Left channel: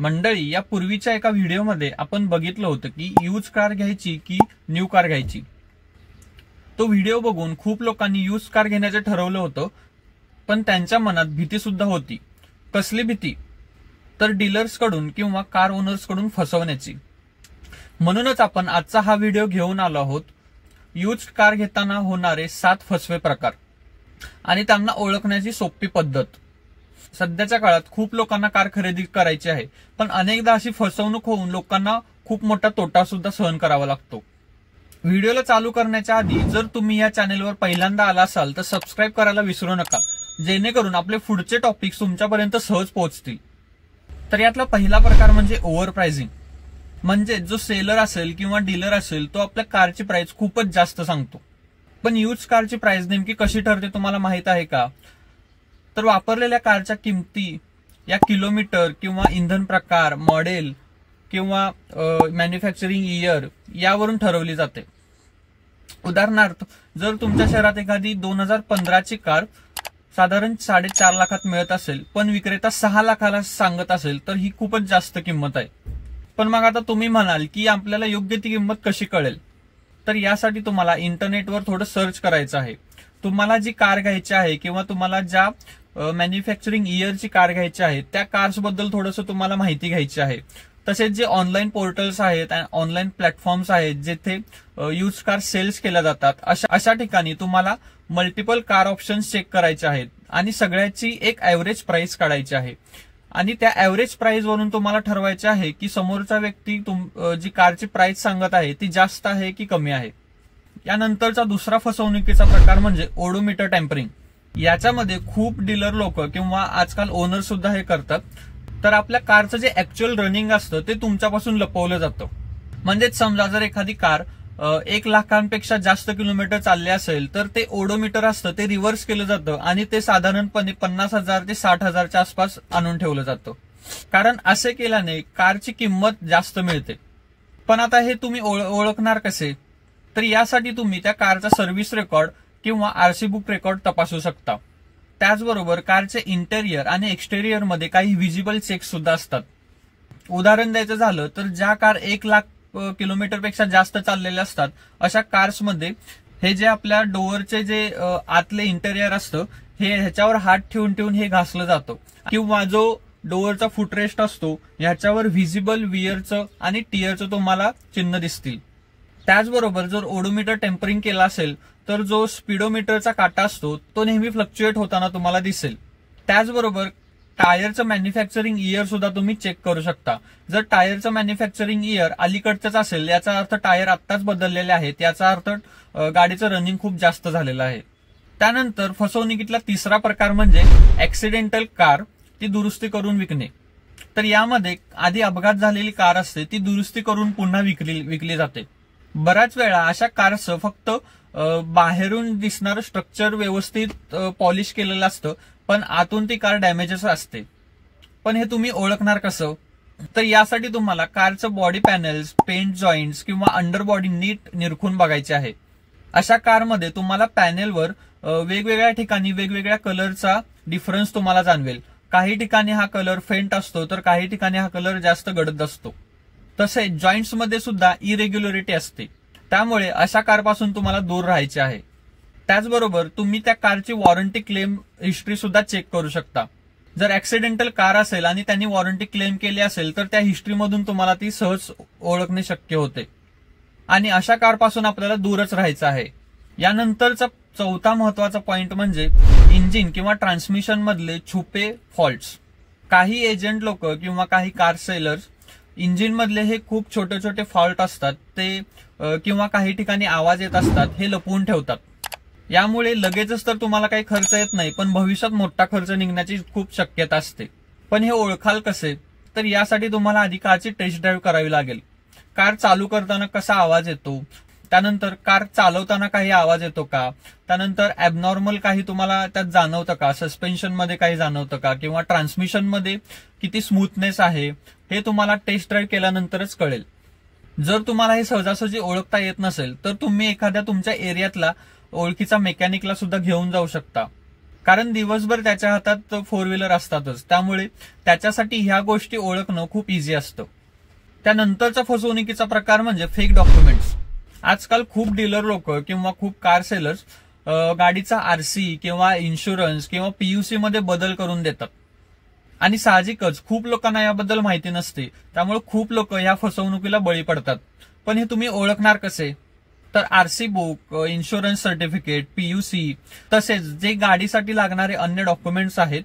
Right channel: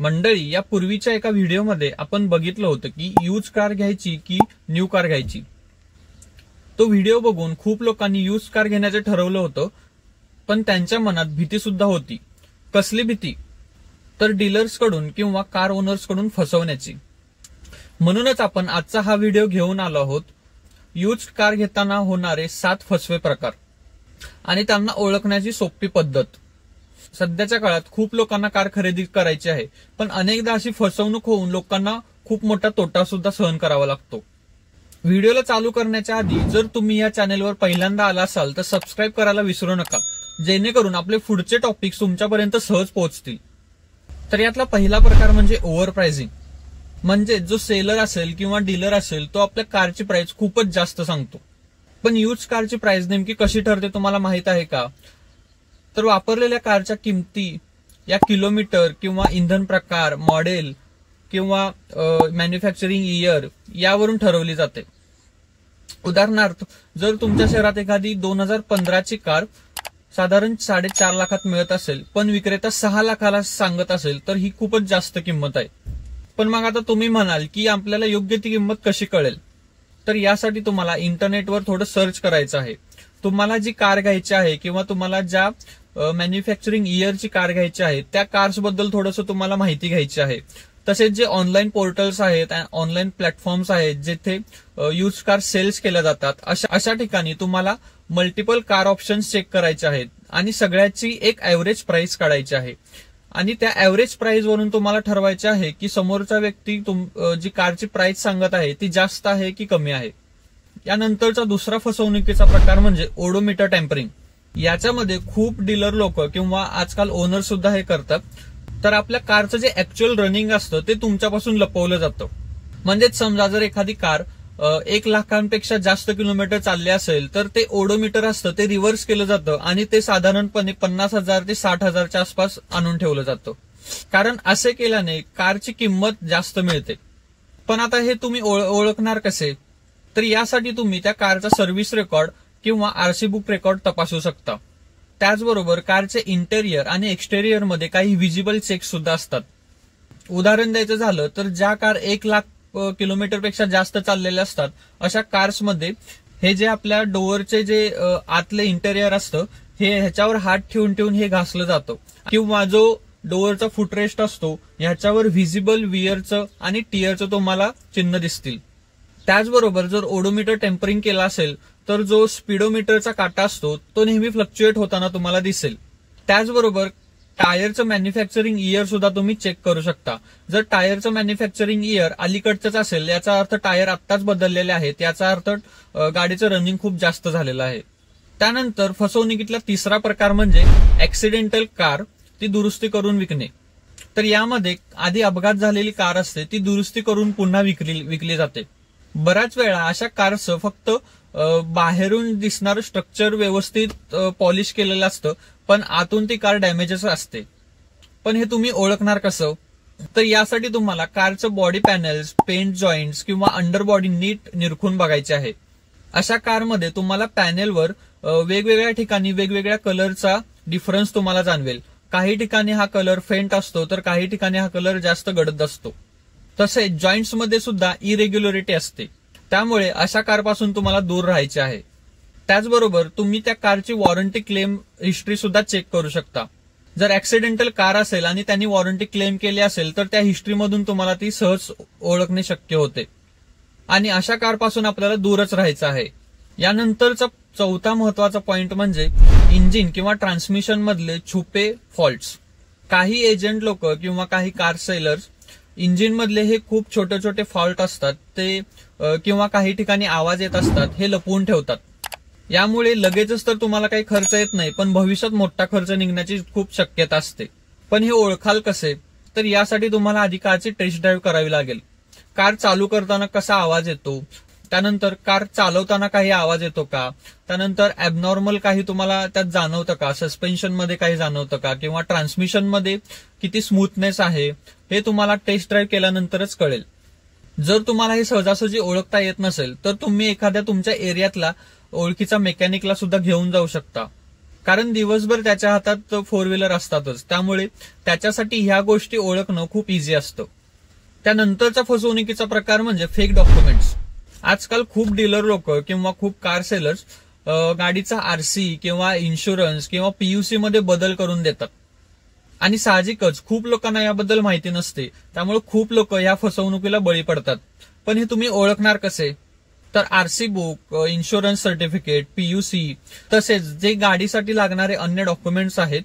मंडळी, या पूर्वीच्या एका व्हिडिओमध्ये आपण बघितलं होतं की यूज कार घ्यायची की न्यू कार घ्यायची। तो व्हिडिओ बघून खूप लोकांनी यूज कार घेण्याचे ठरवलं होतं, पण त्यांच्या मनात भीती सुद्धा होती। कसली भीती? तर डीलर्स कडून किंवा कार ओनर्स कडून फसवण्याची। म्हणूनच आपण आजचा हा व्हिडिओ घेऊन आलो आहोत, यूज कार घेताना होणारे 7 फसवे प्रकार आणि त्यांना ओळखण्याची सोपी पद्धत। सध्याच्या काळात खूप लोकांना कार खरेदी करायची आहे, पण अनेकदा अशी फसवणूक होऊन लोकांना खूप मोठा तोटा सुद्धा सहन करावा लागतो। व्हिडिओला चालू करण्याच्या आधी जर तुम्ही या चॅनलवर पहिल्यांदा आला असाल तर सबस्क्राईब करायला विसरू नका, जेणेकरून आपले पुढचे टॉपिक्स तुमच्यापर्यंत सहज पोहोचतील। तर यातला पहिला प्रकार म्हणजे ओव्हर प्राइसिंग। म्हणजे जो सेलर असेल किंवा डीलर असेल तो आपल्या कारची प्राइस खूपच जास्त सांगतो। पण यूज कारची प्राइस नेमकी कशी ठरते तुम्हाला माहित आहे का? तर वापरलेल्या कारच्या किमती या किलोमीटर किंवा इंधन प्रकार, मॉडेल किंवा मॅन्युफॅक्चरिंग इयर यावरून ठरवली जाते। उदाहरणार्थ, जर तुमच्या शहरात एखादी 2015 ची कार साधारण 4.5 लाखात मिळत असेल, पण विक्रेता 6 लाखाला सांगत असेल, तर ही खूपच जास्त किंमत आहे। पण मग आता तुम्ही म्हणाल की आपल्याला योग्य ती किंमत कशी कळेल? तर यासाठी तुम्हाला इंटरनेटवर थोडं सर्च करायचं आहे। तुम्हाला जी कार घ्यायची आहे किंवा तुम्हाला ज्या मॅन्युफॅक्चरिंग इयरची कार घ्यायची आहे त्या कार्स बद्दल थोडंसं तुम्हाला माहिती घ्यायची आहे। तसेच जे ऑनलाईन पोर्टल्स आहेत, ऑनलाईन प्लॅटफॉर्म्स आहेत जिथे यूज कार सेल्स केल्या जातात, अशा ठिकाणी तुम्हाला मल्टिपल कार ऑप्शन्स चेक करायचे आहेत आणि सगळ्याची एक ऍव्हरेज प्राइस काढायची आहे। आणि त्या ऍव्हरेज प्राइस वरून तुम्हाला ठरवायचे आहे की समोरचा व्यक्ती जी कारची प्राइस सांगत आहे ती जास्त आहे की कमी आहे। यानंतरचा दुसरा फसवणुकीचा प्रकार म्हणजे ओडोमीटर टॅम्परिंग। याच्यामध्ये खूप डीलर लोक किंवा आजकाल ओनर सुद्धा हे करतात। तर आपल्या कारचं जे ऍक्च्युअल रनिंग असतं ते तुमच्यापासून लपवलं जातं। म्हणजेच समजा जर एखादी कार 1 लाखांपेक्षा जास्त किलोमीटर चालले असेल तर ते ओडोमीटर असतं ते रिव्हर्स केलं जातं आणि ते साधारणपणे 50,000 ते 60,000च्या आसपास आणून ठेवलं जातं। कारण असे केल्याने कारची किंमत जास्त मिळते। पण आता हे तुम्ही ओळखणार कसे? तर यासाठी तुम्ही त्या कारचा सर्व्हिस रेकॉर्ड किंवा आरसी बुक रेकॉर्ड तपासू शकता। त्याचबरोबर कारचे इंटेरियर आणि एक्सटेरियर मध्ये काही व्हिजिबल चेक्स सुद्धा असतात। उदाहरण द्यायचं झालं तर ज्या कार 1 लाख किलोमीटर पेक्षा जास्त चाललेल्या असतात अशा कार्समध्ये हे जे आपल्या डोअरचे जे आतले इंटेरियर असतं हे ह्याच्यावर हात ठेवून ठेवून हे घासलं जातं, किंवा जो डोअरचा फुटरेस्ट असतो ह्याच्यावर व्हिजिबल वियरचं आणि टियरचं तुम्हाला चिन्ह दिसतील। त्याचबरोबर जर ओडोमीटर टेम्परिंग केला असेल तर जो स्पीडोमीटरचा काटा असतो तो नेहमी फ्लक्च्युएट होताना तुम्हाला दिसेल। त्याचबरोबर टायरचं मॅन्युफॅक्चरिंग इयर सुद्धा तुम्ही चेक करू शकता। जर टायरचं मॅन्युफॅक्चरिंग इयर अलीकडचंच असेल याचा अर्थ टायर आत्ताच बदललेले आहेत, याचा अर्थ गाडीचं रनिंग खूप जास्त झालेलं आहे। त्यानंतर फसवणुकीतला तिसरा प्रकार म्हणजे ऍक्सिडेंटल कार ती दुरुस्ती करून विकणे। तर यामध्ये आधी अपघात झालेली कार असते ती दुरुस्ती करून पुन्हा विकली जाते। बऱ्याच वेळा अशा कारचं फक्त बाहेरून दिसणारं स्ट्रक्चर व्यवस्थित पॉलिश केलेलं असतं, पण आतून ती कार डॅमेजेस असते। पण हे तुम्ही ओळखणार कसं? तर यासाठी तुम्हाला कारचं बॉडी पॅनल्स, पेंट जॉईंट्स किंवा अंडरबॉडी नीट निरखून बघायचे आहे। अशा कारमध्ये तुम्हाला पॅनेलवर वेगवेगळ्या ठिकाणी वेगवेगळ्या कलरचा डिफरन्स तुम्हाला जाणवेल। काही ठिकाणी हा कलर फेंट असतो तर काही ठिकाणी हा कलर जास्त गडद असतो। तसेच जॉईंट्स मध्ये सुद्धा इरेग्युलरिटी असते, त्यामुळे अशा कारपासून तुम्हाला दूर राहायचे आहे। त्याचबरोबर तुम्ही त्या कारची वॉरंटी क्लेम हिस्ट्री सुद्धा चेक करू शकता। जर ऍक्सिडेंटल कार असेल आणि त्यांनी वॉरंटी क्लेम केली असेल तर त्या हिस्ट्रीमधून तुम्हाला ती सहज ओळखणे शक्य होते आणि अशा कारपासून आपल्याला दूरच राहायचं आहे। यानंतरचा चौथा महत्वाचा पॉइंट म्हणजे इंजिन किंवा ट्रान्समिशन मधले छुपे फॉल्ट्स। काही एजंट लोक किंवा काही कार सेलर्स इंजिन मधले हे खूप छोटे छोटे फॉल्ट असतात ते किंवा काही ठिकाणी आवाज येत असतात हे लपवून ठेवतात। यामुळे लगेचच तर तुम्हाला काही खर्च येत नाही, पण भविष्यात मोठा खर्च निघण्याची खूप शक्यता असते। पण हे ओळखाल कसे? तर यासाठी तुम्हाला आधी कारची टेस्ट ड्राईव्ह करावी लागेल। कार चालू करताना कसा आवाज येतो, त्यानंतर कार चालवताना काही आवाज येतो का, त्यानंतर ऍबनॉर्मल काही तुम्हाला त्यात जाणवतं का, सस्पेन्शन मध्ये काही जाणवतं का, किंवा ट्रान्समिशन मध्ये किती स्मूथनेस आहे, हे तुम्हाला टेस्ट ड्राईव्ह केल्यानंतरच कळेल। जर तुम्हाला हे सहजासहजी ओळखता येत नसेल तर तुम्ही एखाद्या तुमच्या एरियातला ओळखीचा मेकॅनिकला सुद्धा घेऊन जाऊ शकता। कारण दिवसभर त्याच्या हातात 4 व्हीलर असतातच, त्यामुळे त्याच्यासाठी ह्या गोष्टी ओळखणं खूप इझी असतं. त्यानंतरचा फसवणुकीचा प्रकार म्हणजे फेक डॉक्युमेंट्स. आजकाल खूप डीलर लोक किंवा खूप कार सेलर्स गाडीचा आरसी किंवा इन्शुरन्स किंवा पीयूसी मध्ये बदल करून देतात आणि साहजिकच खूप लोकांना याबद्दल माहिती नसते, त्यामुळे खूप लोक या फसवणुकीला बळी पडतात. पण हे तुम्ही ओळखणार कसे? तर RC book, insurance certificate, PUC तसेच जे गाडीसाठी लागणारे अन्य डॉक्युमेंट्स आहेत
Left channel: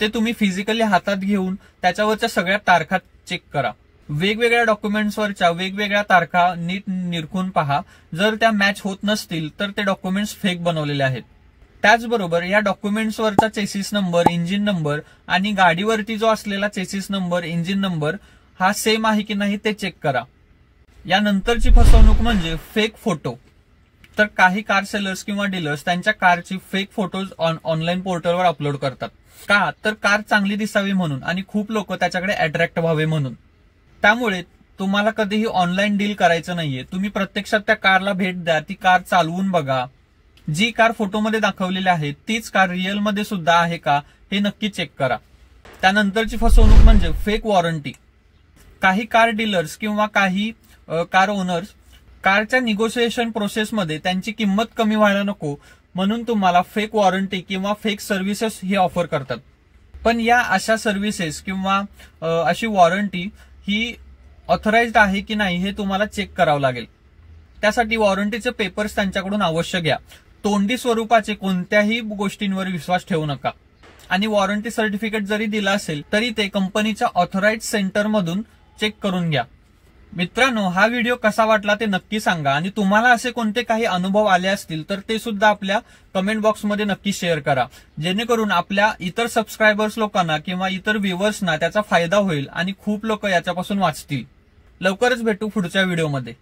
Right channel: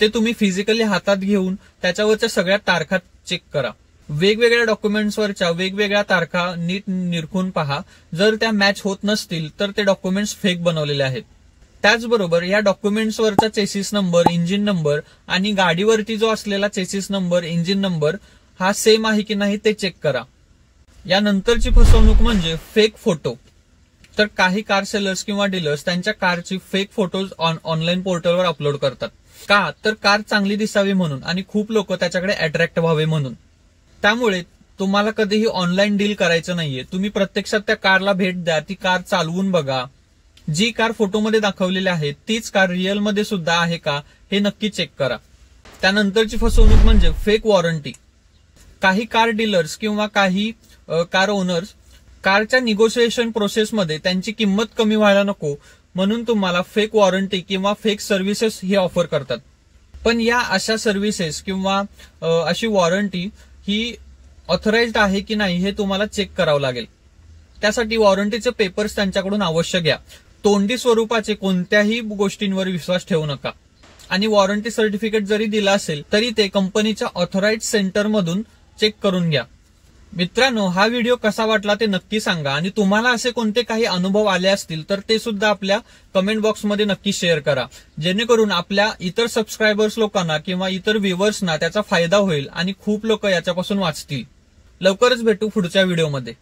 ते तुम्ही फिजिकली हातात घेऊन त्याच्यावरच्या सगळ्या तारखा चेक करा. वेगवेगळ्या डॉक्युमेंट्सवरच्या वेगवेगळ्या तारखा नीट निरखून पहा. जर त्या मॅच होत नसतील तर ते डॉक्युमेंट्स फेक बनवलेले आहेत. त्याचबरोबर या डॉक्युमेंट्सवरचा चेसिस नंबर, इंजिन नंबर आणि गाडीवरती जो असलेला चेसिस नंबर, इंजिन नंबर हा सेम आहे की नाही ते चेक करा. यानंतरची फसवणूक म्हणजे फेक फोटो. तर काही कार सेलर्स किंवा डीलर्स त्यांच्या कारची फेक फोटोज ऑनलाईन पोर्टलवर अपलोड करतात. का? तर कार चांगली दिसावी म्हणून आणि खूप लोक त्याच्याकडे अट्रॅक्ट व्हावे म्हणून. त्यामुळे तुम्हाला कधीही ऑनलाईन डील करायचं नाहीये. तुम्ही प्रत्यक्षात त्या कारला भेट द्या, ती कार चालवून बघा. जी कार फोटोमध्ये दाखवलेली आहे तीच कार रिअलमध्ये सुद्धा आहे का हे नक्की चेक करा. त्यानंतरची फसवणूक म्हणजे फेक वॉरंटी. काही कार डीलर्स किंवा काही कार ओनर्स कारच्या निगोशिएशन प्रोसेसमध्ये त्यांची किंमत कमी व्हायला नको म्हणून तुम्हाला फेक वॉरंटी किंवा फेक सर्व्हिसेस हे ऑफर करतात. पण या अशा सर्व्हिसेस किंवा अशी वॉरंटी ही ऑथराइज्ड आहे की नाही हे तुम्हाला चेक करावं लागेल. त्यासाठी वॉरंटीचे पेपर्स त्यांच्याकडून अवश्य घ्या. तोंडी स्वरूपाचे कोणत्याही गोष्टींवर विश्वास ठेवू नका. आणि वॉरंटी सर्टिफिकेट जरी दिला असेल तरी ते कंपनीच्या ऑथराइज्ड सेंटरमधून चेक करून घ्या. मित्रांनो, हा व्हिडिओ कसा वाटला ते नक्की सांगा आणि तुम्हाला असे कोणते काही अनुभव आले असतील तर ते सुद्धा आपल्या कमेंट बॉक्समध्ये नक्की शेअर करा, जेणेकरून आपल्या इतर सबस्क्रायबर्स लोकांना किंवा इतर व्ह्युअर्सना त्याचा फायदा होईल आणि खूप लोक याच्यापासून वाचतील. लवकरच भेटू पुढच्या व्हिडिओमध्ये.